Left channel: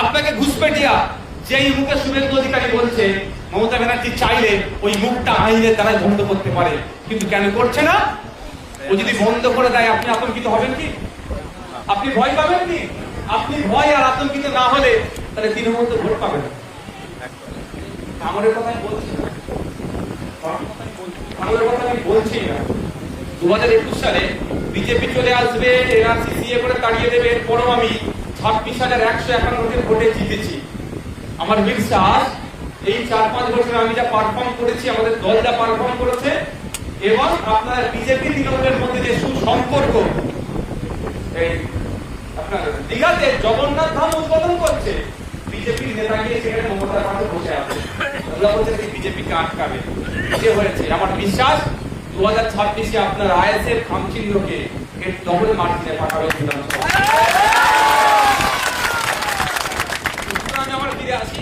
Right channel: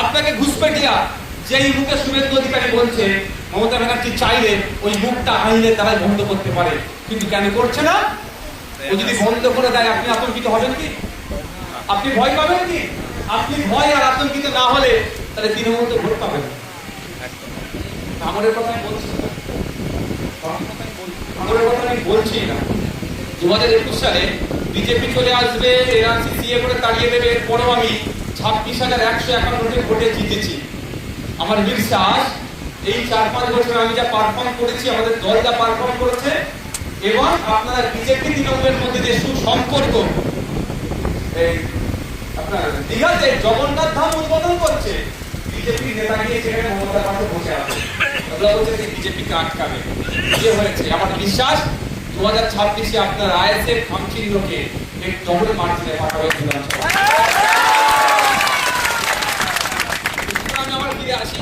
আপনাকে ঘুষপেটিয়া যেই মুখে শুভেন্দু অধিকারী বলছে মমতা ব্যানার্জি চাইলে ওই মুখটা আইনের দ্বারাই বন্ধ করতে পারে, কিন্তু কেন করছে না? ও যদি বন্ধ করে দেয় আপনি আতঙ্কিত হবেন কি? আপনি ভয় পাবেন কি? আপনি ভয় আর আতঙ্কিত না হলে তাহলে তৃণমূল তো ভোট পাবেন। ভাঙড়ের কথা আমি বলছি না, ভাঙড়ের কথা আমি বলছি না। 2021 সালে বিজেপি চলে আসবে, এনআরসি সিএ করে তাড়িয়ে দেবে, এরপরও আমি 26,151টি ভোটে জিতেছি। আমার বিশ্বাস এই 4-5 বছর আমি যা পারফর্ম করেছি, আমাদের দল যা পারফর্ম করেছে, এবং আপনারা বিজেপি তৃণমূলের মধ্যে যে সুসম্পর্ক, আপনার দীঘাতে জগন্নাথ ধাম উদ্বোধন করছে, বিজেপি নেতা গিয়ে সেখানে মমতার পাশে বসে আছে, ওরা বলছে যে বিজেপিকে আটকাবে। যে হয়েছে আমার বিশ্বাস 2026-এ আপনার আইএসএফ খামচিহ্নকে এর ডবলে মার্জিনে পাঠাবে বিধানসভা। আমি আবার ফিরে আসি।